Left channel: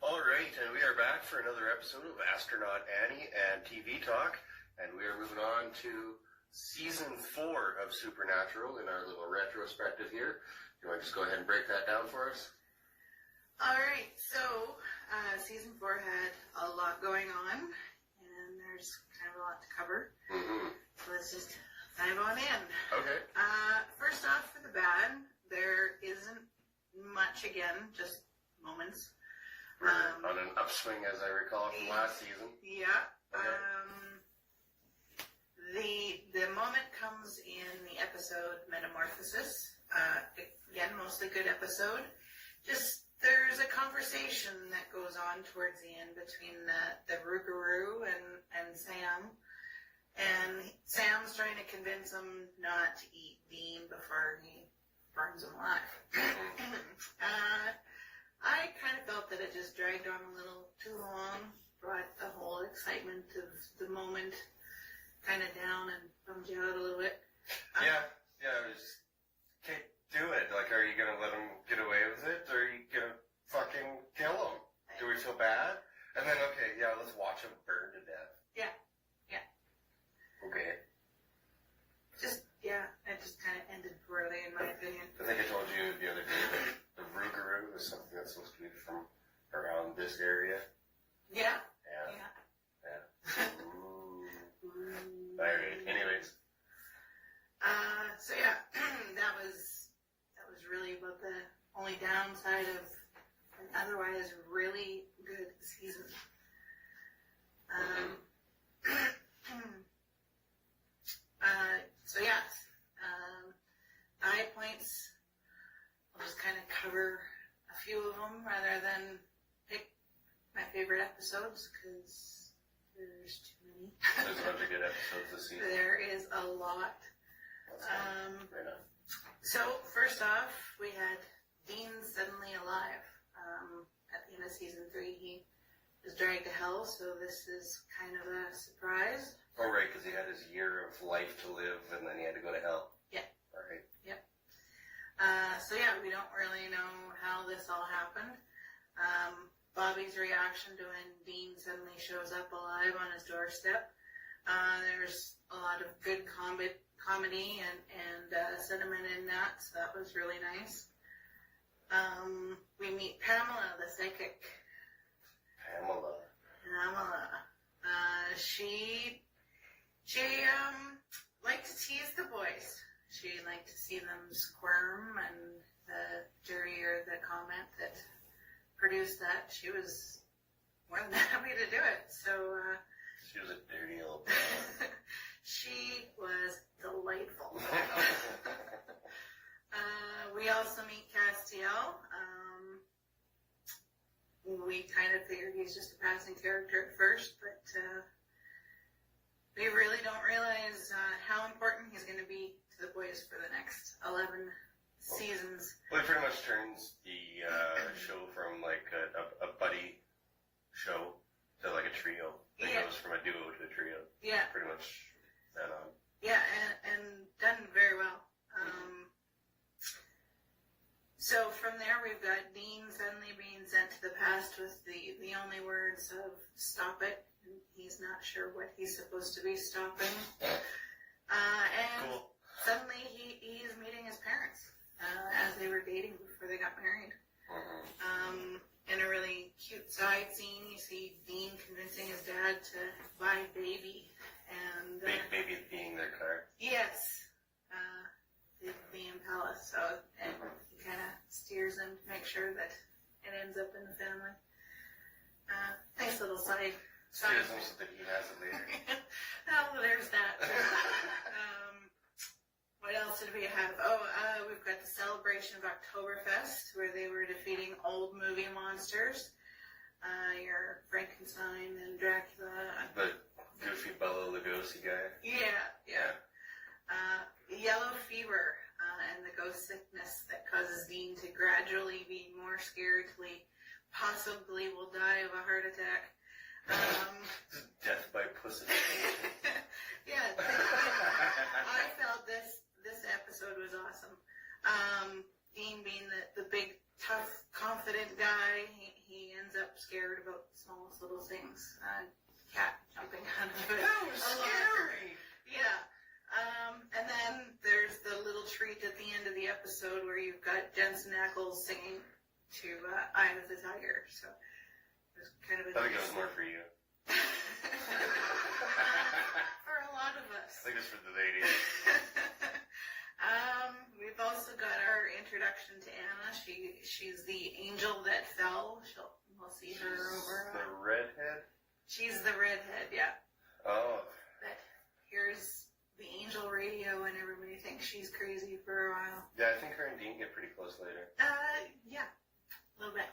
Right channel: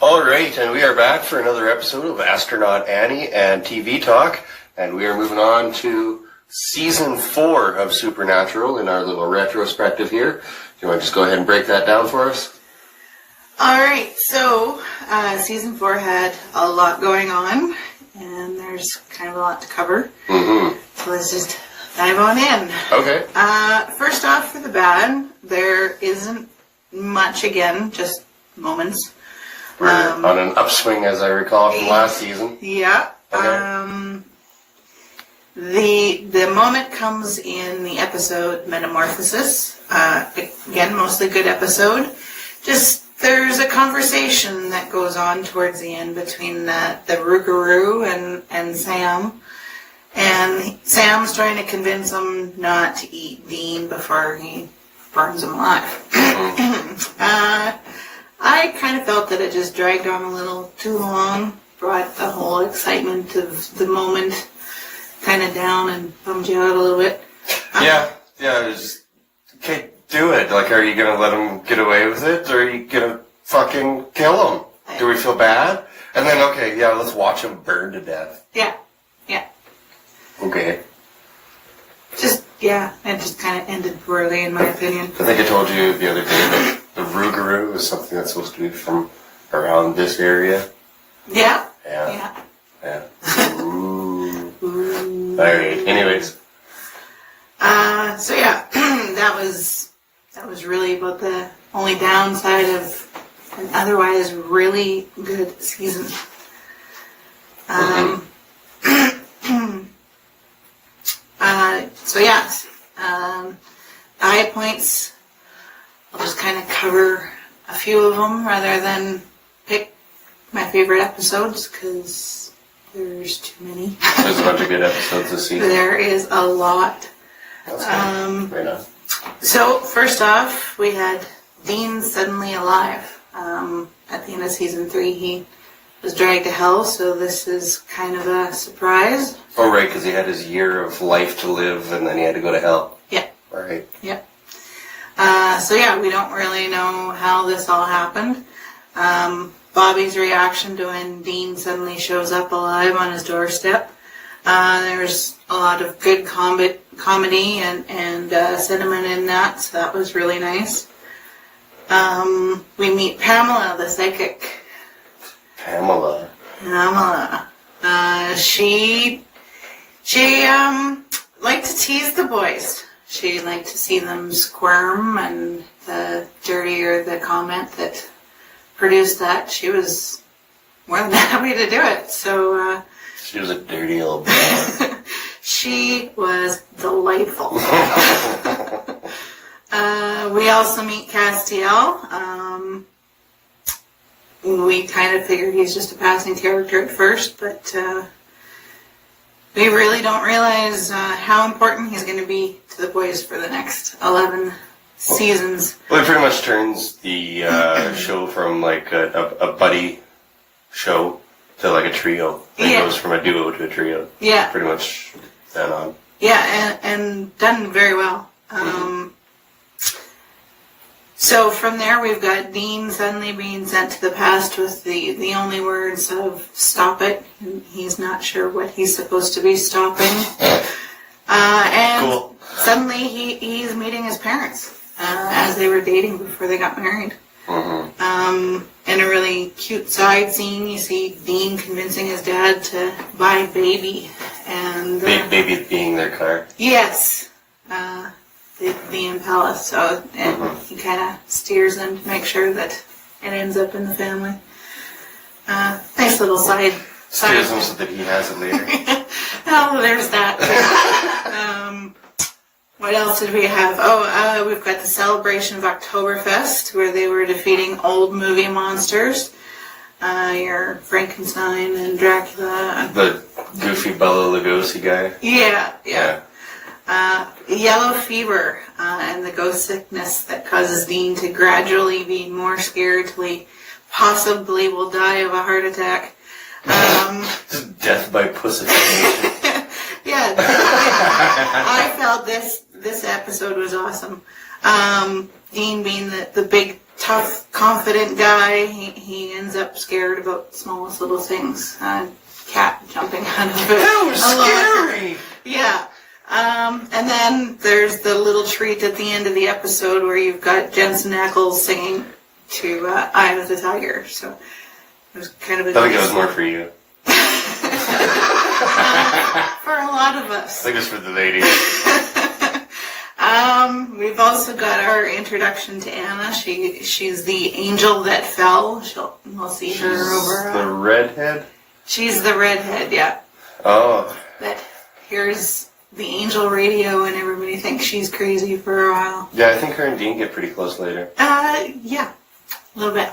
Alright, and we are back for another episode of Astronaut Annie and TV Talk, and we are moving on to Season 4 of Supernatural in our little retrospective here. Do you want to just go ahead and break that down for us? Alright, so Season 4 had a lot going on, and there's kind of a lot to cover. So let's just dive on in. Okay. First off, for the bad, there isn't much again, just moments. We're on an upswing, as I recall, from last season. Yeah. Okay. The moment comes in the episode Metamorphosis. Again, mostly good episode. Just there's a conversation that goes on towards the end between the Rougarou and Sam. And Sam's trying to convince him not to eat Dean before he burns him alive. I kind of felt that it just dragged on a little too long, brought the whole excitement of the moment kind of down and bummed you out a little bit. Yeah, it was just, okay, do it. Like, are you going to let him get away with it, or are you going to fucking kill him? Do we feel bad? And then, okay, yeah, let's watch him burn to death. Yeah. Okay. It just kind of ended poorly, in my opinion. I think I told you the other day that the Rougarou is something that's supposed to be from around this area. Yeah. Ooh. Alright, anyways. So yeah, that was really about the only downside of an otherwise really good season. So yeah, high points, I'll just kind of cover a few of them rather than pick my favorite episodes, because there's too many. There's a bunch of good episodes this season. There is a lot. Right on. So first off, we had Dean suddenly alive. At the end of season 3, he was dragged to hell, so this is kind of a surprise. Oh, right, because he had his year of life to live, and then he had to go to hell. Yeah. Right. Yep. So yeah, we don't really know how this all happened. Bobby's reaction to when Dean suddenly shows up alive on his doorstep. There's a lot of good comedy and sentiment in that, so that was really nice. We meet Pamela, the psychic. Pamela. She liked to tease the boys. She liked to see them squirm, and the dirtier the comment that produced that, she was more than happy to do it. So she was a dirty old broad. She was delightful. We also meet Castiel. We kind of figured he's just a passing character at first, but we really don't realize how important he's going to be to the boys for the next 11 seasons. Well, it pretty much turns the show from like a buddy show to like a trio. It goes from a duo to a trio. Yeah. Pretty much then on. Yeah, and done very well. So from there, we've got Dean suddenly being sent to the past with the only words of "stop it." He's not sure what he's supposed to be stopping. And cool. Suddenly he's meeting his parents as they were dating before they got married. In a really cute side scene, you see Dean convincing his dad to buy Baby. And Baby being their car. Yes. The Impala, so he kind of steers them to make sure that it ends up in the family. Nice little side. Steers them so that he has it later. Oh, there's that. What else did we have? We've got the celebration of Oktoberfest, where they were defeating old movie monsters. Your Frankenstein and Dracula. The goofy Bela Lugosi guy. Yeah. Yellow fever and the ghost sickness that causes Dean to gradually be more scared till he possibly will die of a heart attack. Death by pussification. Yeah, I felt this episode was awesome. Dean being the big, tough, confident guy, he ends up scared about the smallest little things. Cat jumping out of it. That was scary. Yeah. And then there's the little treat at the end of the episode where you've got Jensen Ackles singing to Eye of the Tiger. So it was kind of a... I think it was more for you. For a lot of us. I think it's for the ladies. We've also got our introduction to Anna. She's the angel that fell. We'll see her over... the redhead? She's the redhead, yeah. Oh. That hears the angel radio and everybody thinks she's crazy for a while. Yeah, I think her and Dean get pretty close later. Yeah. A little bit.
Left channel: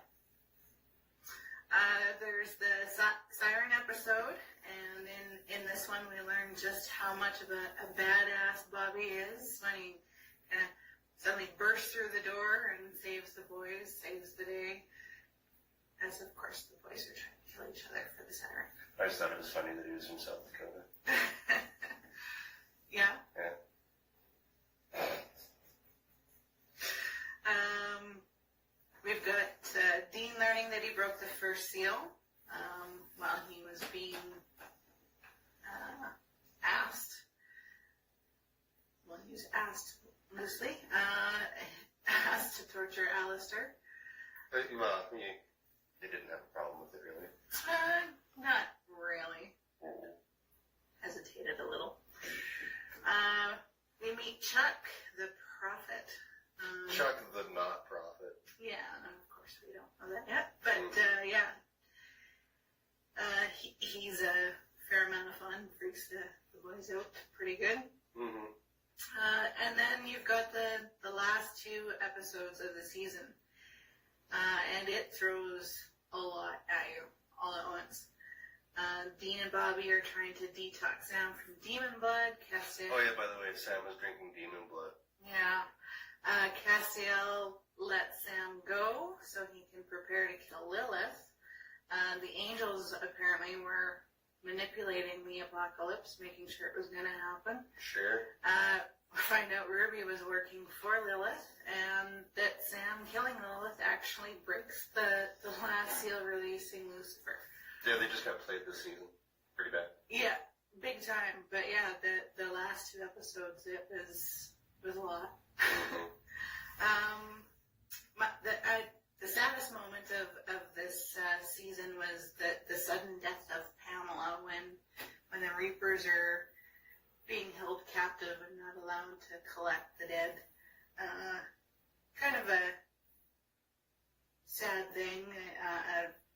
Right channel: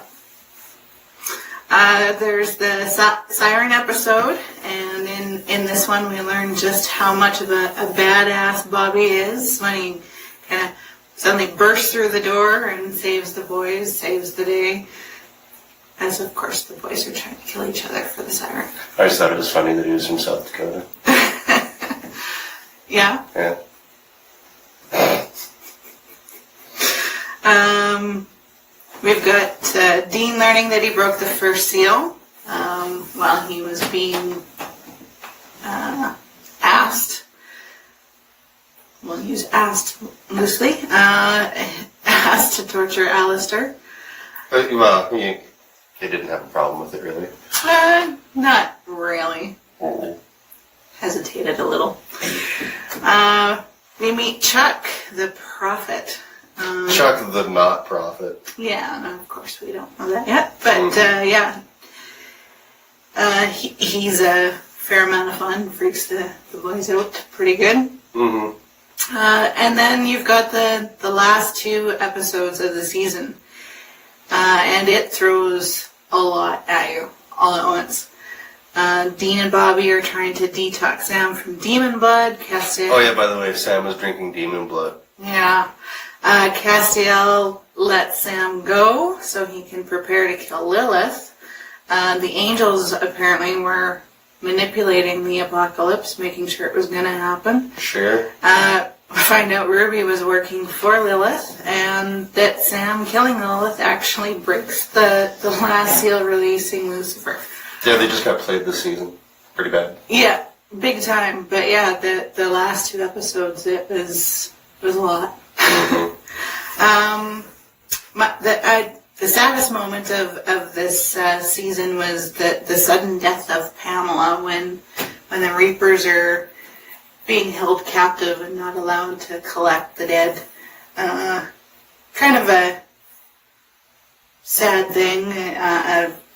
There's the siren episode, and in this one we learn just how much of a badass Bobby is when he kind of suddenly bursts through the door and saves the boys, saves the day. As of course the boys are trying to kill each other for the siren. I just thought it was funny that he was from South Dakota. Yeah. Yeah. We've got Dean learning that he broke the first seal while he was being asked. We'll use asked loosely. Asked to torture Alistair. Well, they didn't have a problem with it, really. Not really. Oh. Hesitated a little. We meet Chuck, the prophet. Chuck the not prophet. Yeah, no, of course we don't know that yet. But, yeah. He's a fair amount of fun. Freaks the boys out pretty good. Mm-hmm. And then you've got the last two episodes of the season. And it throws a lot at you all at once. Dean and Bobby are trying to detox Sam from demon blood. Castiel. Oh yeah, by the way, Sam was drinking demon blood. Yeah. Castiel lets Sam go so he can prepare to kill Lilith. The angels apparently were manipulating the apocalypse, making sure it was going to happen. Sure. Find out Ruby was working for Lilith, and that Sam killing Lilith actually breaks the last seal, releasing Lucifer. Yeah, they just got played this season. Pretty bad. Yeah, big time. But yeah, the last two episodes, it was a lot. Mm-hmm. The saddest moment of this season was the sudden death of Pamela when the Reapers are being held captive and not allowed to collect the dead. Kind of a sad thing.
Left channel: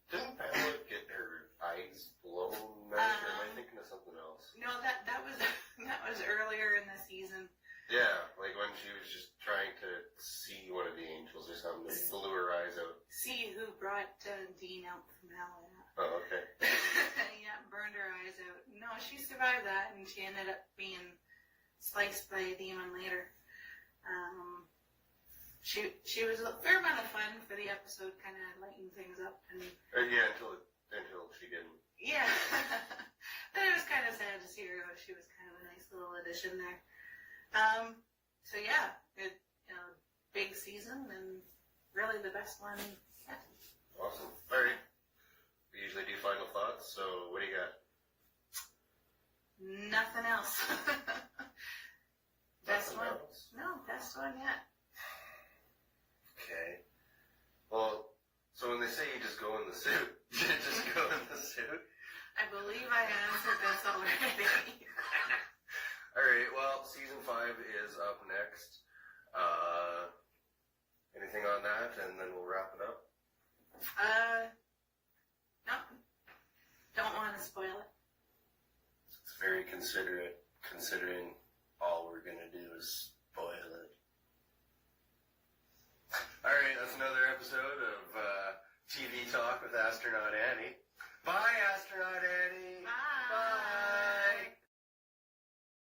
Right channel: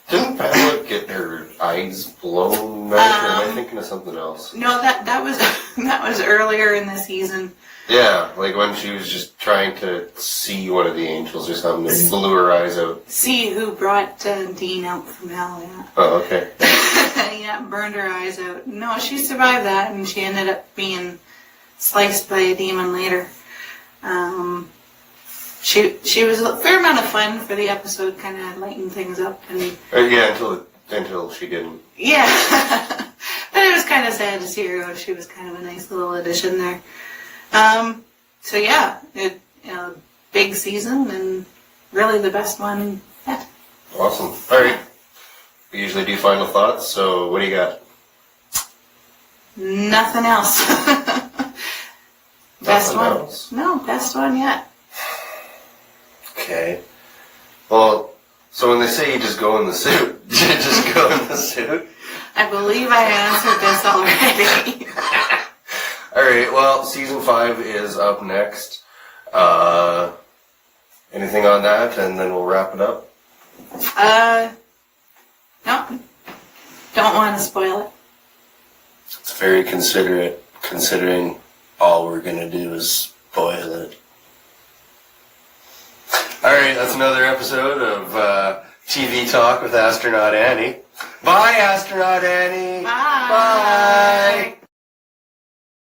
Didn't Pamela get her eyes blown out, or am I thinking of something else? No, that was that was earlier in the season. Yeah, like when she was just trying to see one of the angels or something, and blew her eyes out. See who brought Dean out from hell, yeah. Oh, okay. Yeah, burned her eyes out. No, she survived that, and she ended up being sliced by a demon later. She was a fair amount of fun for the episode, kind of lightened things up. And yeah, until she didn't. Yeah. But it was kind of sad to see her go. She was kind of a nice little addition there. So yeah, big season and really the best one yet. Awesome. All right. We usually do final thoughts, so what do you got? Nothing else. Best one? Else? No, best one yet. Okay. Well, so when they say you just go in the suit, you just go in the suit? I believe I answered this already. Alright, well, season 5 is up next. Anything on that, and then we'll wrap it up? No. Don't want to spoil it. It's very considerate, considering all we're going to do is spoil it. Alright, that's another episode of TV Talk with Astronaut Annie. Bye, Astronaut Annie! Bye! Bye!